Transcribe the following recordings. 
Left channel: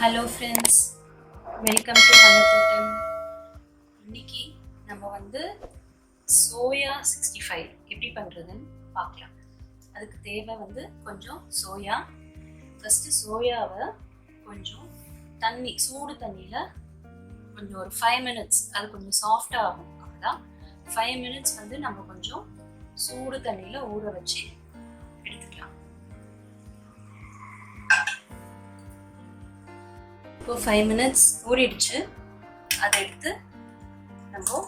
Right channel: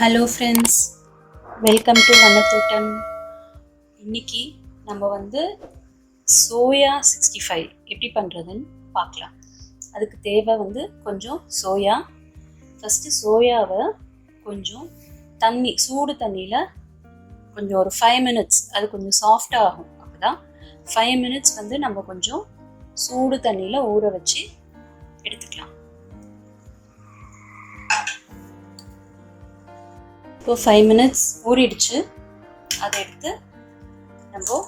Hello friends, welcome to Vanna Thottam. இன்னைக்கு நம்ம soya 65 எப்படி பண்ணுறதுன்னு பார்க்கலாம். அதுக்கு தேவை கொஞ்சம் சோயா. ஃபஸ்ட்டு சோயாவை கொஞ்சம் சூடு தண்ணியில் கொஞ்சம் ஒரு 5 minutes அது கொஞ்சம் சாஃப்டாக ஆகும். அப்போ தான் 5 minutes நம்ம கொஞ்சம் சூடு தண்ணியில் ஊற வச்சு எடுத்துக்கலாம். இப்போ 5 minutes ஊறிடுச்சு. அதை எடுத்து நம்ம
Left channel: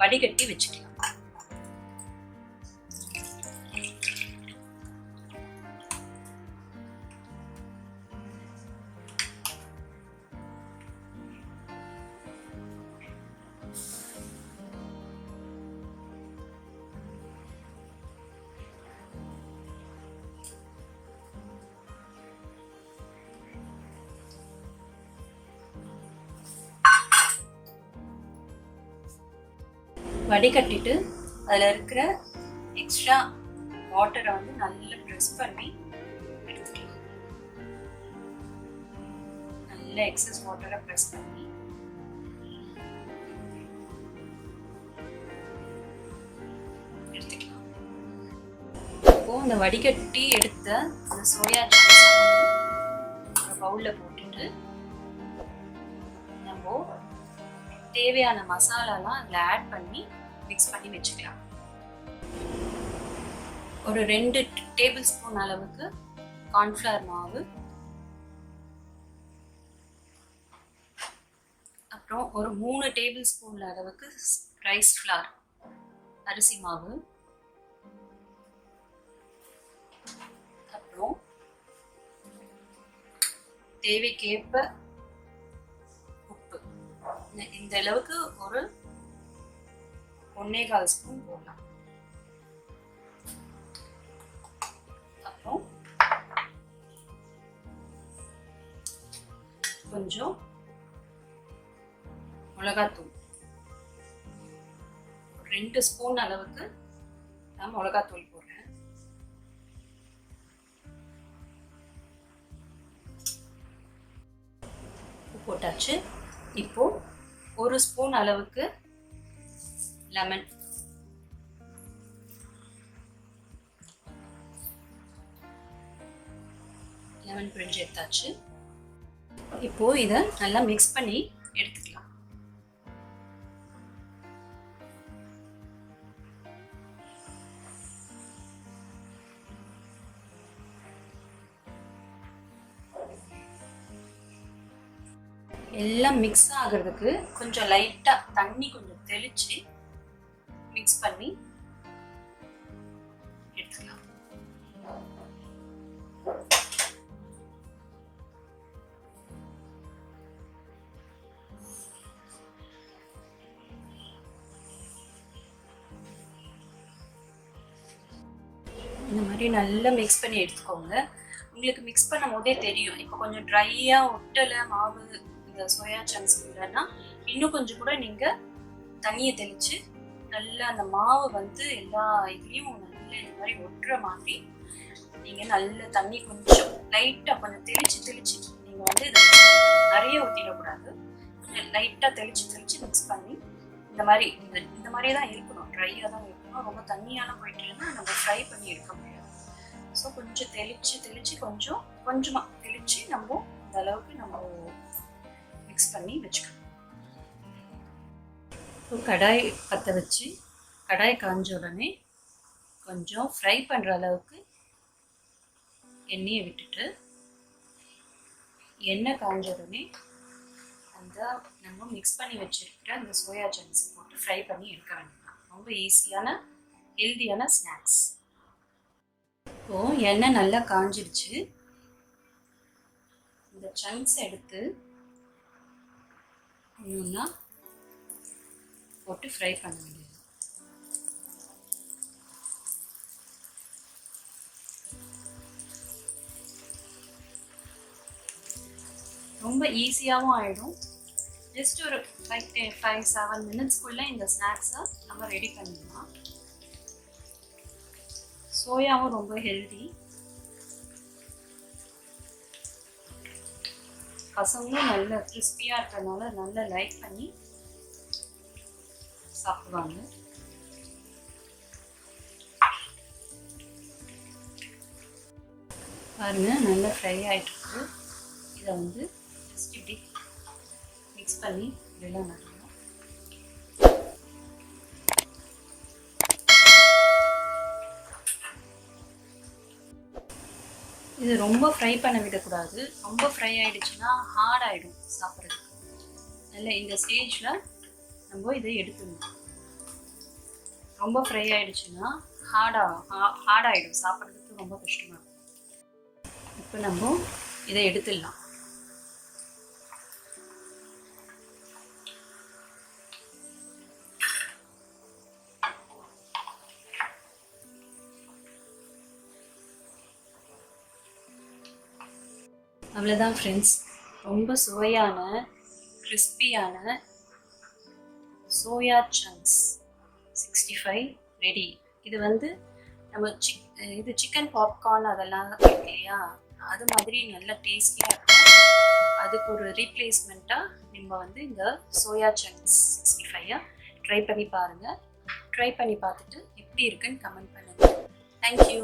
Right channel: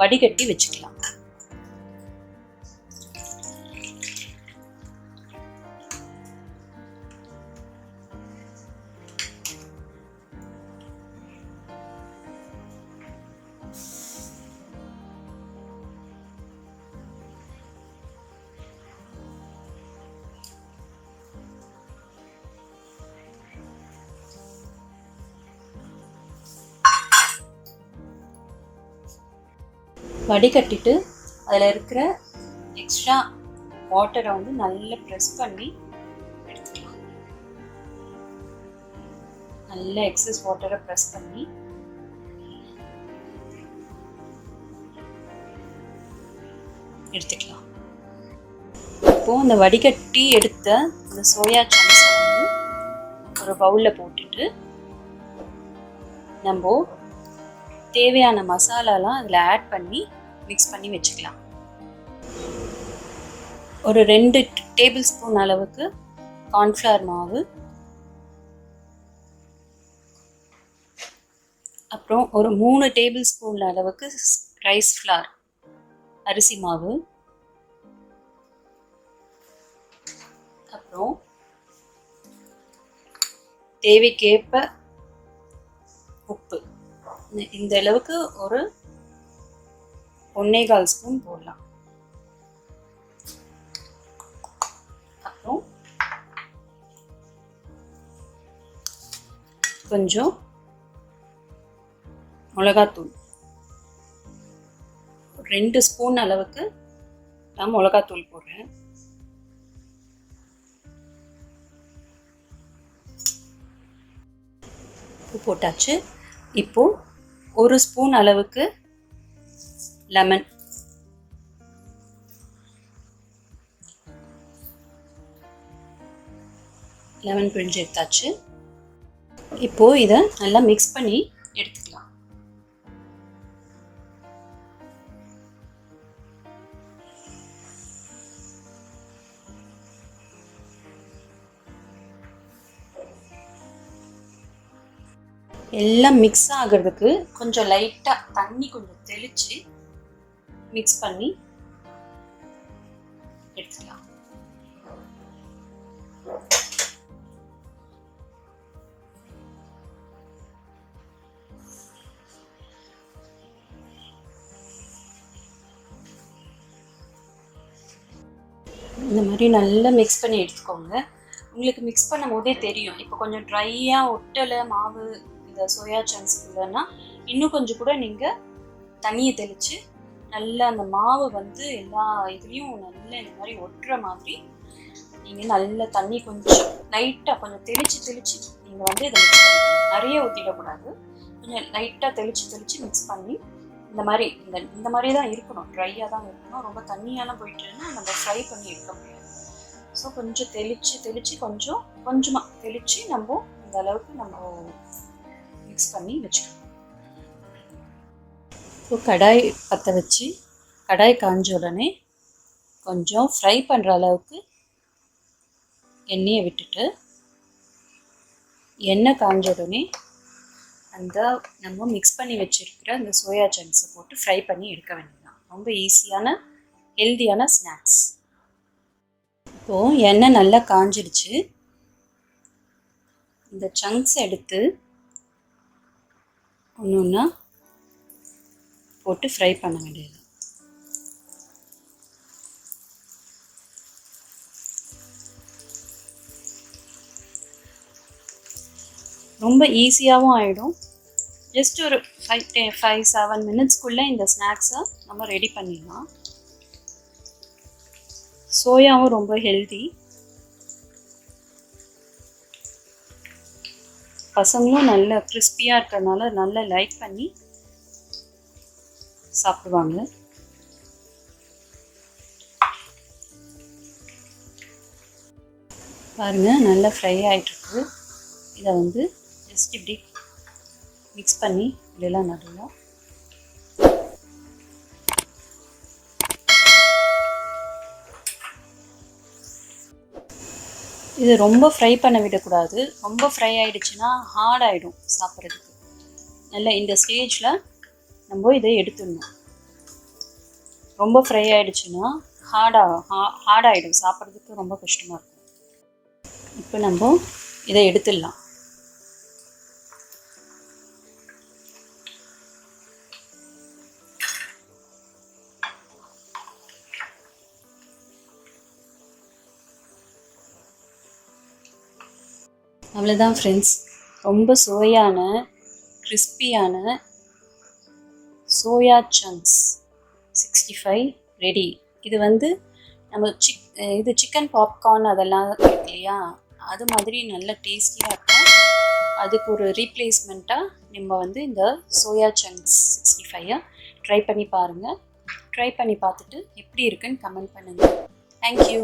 வடிகட்டி வச்சுக்கலாம். வடிகட்டிட்டு அதில் இருக்கிற எக்ஸ்ட்ரா வாட்டரை நல்லா ப்ரெஸ் பண்ணி எடுத்துக்கலாம். நல்ல எக்ஸஸ் வாட்டரை ப்ரெஸ் பண்ணி எடுத்துக்கலாம். இப்போ இந்த வடிகட்டி எடுத்த இந்த சோயா சங்க்ஸ் ஒரு பவுலில் போட்டுட்டு நம்ம தேவையான மசாலாலாம் அதில் ஆட் பண்ணி மிக்ஸ் பண்ணி வச்சுக்கலாம். ஒரு 2 டேபிள் ஸ்பூன் அளவுக்கு கார்ன்ஃப்ளவர் மாவு, அப்புறம் ஒரு 3 டேபிள் ஸ்பூன் அளவுக்கு ரைஸ் ஃப்ளார் அரிசி மாவு, அப்புறம் தேவைக்கேற்ப உப்பு. இந்த அளவுக்கு ஒரு 1.25 ஸ்பூன் போடலாம். அப்புறம் கொஞ்சம் மிளகாத்தூள், 2 ஸ்பூன் அளவுக்கு நான் மிளகாத்தூள் போடுறேன். உப்பு போட்டாச்சு. இப்போ 1 ஸ்பூன் அளவுக்கு லெமன், பிழிஞ்சு எடுத்தாச்சு. இப்போ இதை நல்லா மிக்ஸ் பண்ணி எடுத்துக்கலாம். எல்லாம் மிக்ஸ் ஆகிறதுக்கு கொஞ்சம் லைட்டாக தண்ணி கொஞ்சம் தெளித்து மிக்ஸ் பண்ணி எடுத்துக்கலாம். இந்த மாதிரி நல்லா மிக்ஸ் பண்ணி எடுத்துக்கோங்க. உங்களுக்கு மிக்ஸ் பண்ணும் போதே தெரியும். இப்போ கொஞ்சம் ட்ரையாக ஒட்டலை மாவு இந்த சோயா சங்க்ஸ் இல்லைன்னா இன்னும் கொஞ்சம் கூட நீங்கள் தண்ணியை தெளித்து நல்லா அந்த மாவு எல்லா இதுலேயும் நல்லா இந்த மாதிரி ஒட்டுற மாதிரி நீங்கள் நல்ல தண்ணி கொஞ்சம் லைட்டாக கொஞ்சம் தெளித்து நீங்கள் இதை மிக்ஸ் பண்ணிக்கணும். நிறைய ஊற்றிடக்கூடாது. கொஞ்சம் லைட்டாக தெளித்து மிக்ஸ் பண்ணி இந்த மாதிரி தான் இருக்கணும். ட்ரையாக தான் இருக்கணும். ரொம்ப தண்ணியாலாம் போயிட்டுன்னா நம்ம ஃப்ரை பண்ணி எடுக்க முடியாது. ஸோ கொஞ்சம் தெளித்து கொஞ்சமாக தெளித்து நம்ம இந்த அளவுக்கு நம்ம மிக்ஸ் பண்ணி வச்சுக்கணும். இப்போ கடாய் பற்ற வச்சு கடாய் காஞ்ச உடனே கொஞ்சம் ஃப்ரை பண்ணுற அளவுக்கு எண்ணெயை விட்டுட்டு, எண்ணெய் காஞ்ச உடனே நம்ம மிக்ஸ் பண்ணி வச்சுருக்கிற அந்த சோயா சங்க்ஸை போட்டு ஃப்ரை பண்ணி எடுக்க வேண்டியதான். ரொம்ப ஈஸியான ஹெல்தியான ஸ்நாக்ஸ். இப்போது எண்ணெய் நல்லா காஞ்சிடுச்சு. இந்த சங்க்ஸ் எடுத்து ஒன்று ஒன்றா போட்டு ஃப்ரை பண்ண வேண்டியது. ரொம்ப ஈஸியாகவும் ஆகிடும். ஜஸ்ட் ஒரு 5-7 minutesக்குள்ளே இந்த ஸ்நாக்ஸை நம்ம ரெடி பண்ணிடலாம். சோயாவும் ரொம்ப ஹெல்தி. பசங்களும் நல்ல கிறிஸ்பியாக இருக்கிறதுனால நல்லா லைக் பண்ணி சாப்பிடுவாங்க. பாருங்கள், நல்லா ஃப்ரை ஆகிட்டுருக்கு. இதை வந்து ஜஸ்ட் இப்படி மிக்ஸ் பண்ணி இப்படிலாம் நடுவோம். இது ரொம்ப ஃப்ரை பண்ண விடக்கூடாது. ரொம்ப ஃப்ரை ஆகிடுச்சுன்னா ஹார்ட் ஆகிடும் சாப்பிட்றதுக்கு. நல்லா இந்த ஸ்டேஜில் நம்ம இதை எடுத்துடணும். ரொம்ப ஃப்ரை ஆகிடுச்சுன்னா ஹார்ட் ஆகிடும், சாப்பிட்றதுக்கு ரொம்ப கஷ்டமாக இருக்கும். இப்போ நம்ம இதை எடுத்துடலாம். அவ்வளோதான் ஃப்ரெண்ட்ஸ், ரொம்ப சுவையான கிறிஸ்பியான சோயா சங்க்ஸ் 65 ரெடி. இது வந்து நம்ம சிக்கன் பாப்கார்ன் அதெல்லாம் இருக்கு இல்லையா, அது மாதிரி நல்ல டேஸ்டியாக இருக்கும். அதுக்கு ஒரு ரீப்ளேஸ்மெண்ட்டாக நம்ம வந்து இந்த சோயா சங்க்ஸ் 65 ட்ரை பண்ணி பாருங்கள். ட்ரை பண்ணி பார்த்துட்டு எப்படி இருக்குன்னு கமெண்ட் பண்ணுங்கள். தேங்க்யூ.